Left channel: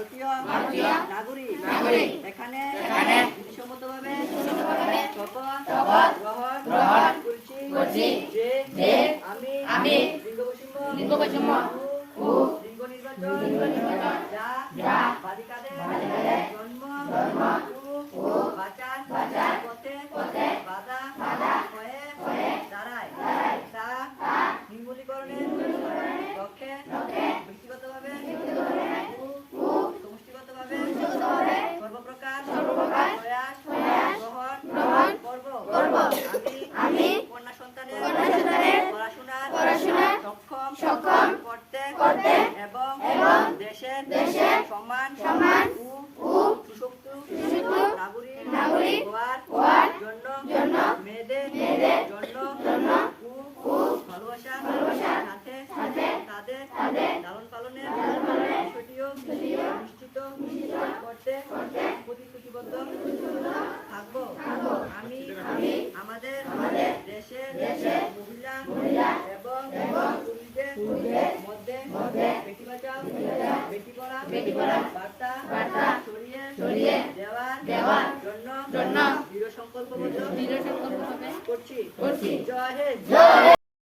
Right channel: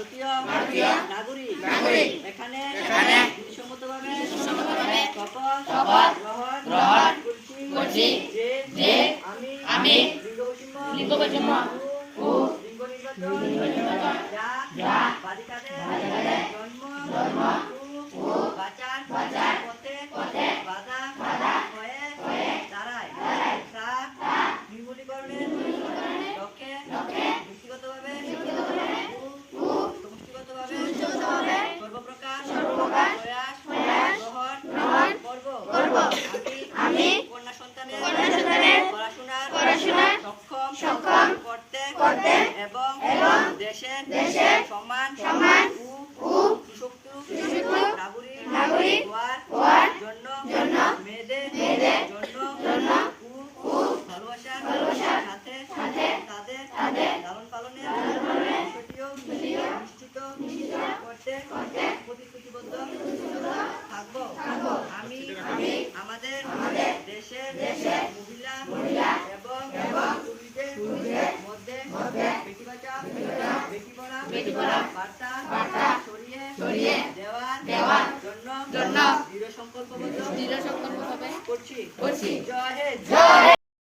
ভারতীয় নাগরিক এখানে বিধিসম্মতভাবে শপথ গ্রহণ করছি যে আমি লিঙ্গ বৈষম্য ও লিঙ্গ নির্বাচন যা বালিকাদের জন্ম ও বাঁচার পথে বাধা হয়ে দাঁড়ায় তা নির্মূলীকরণের লক্ষ্যে ব্যক্তিগতভাবে ও সমষ্টিগতভাবে সর্বপ্রকার প্রয়াস গ্রহণ করব। আমি কন্যা সন্তানের পড়াশোনার সক্ষম করতে এবং দেশের সম্মান ও সুশক্ত নাগরিক হওয়ার জন্য মেয়েদের জন্য ও ভালোবাসার সাথে তাদের লালন পালনের বিষয়টিও নিশ্চিত করতে প্রতিশ্রুতিবদ্ধ থাকব। আমি আমাদের দেশের মহিলা এবং পুরুষদের মধ্যে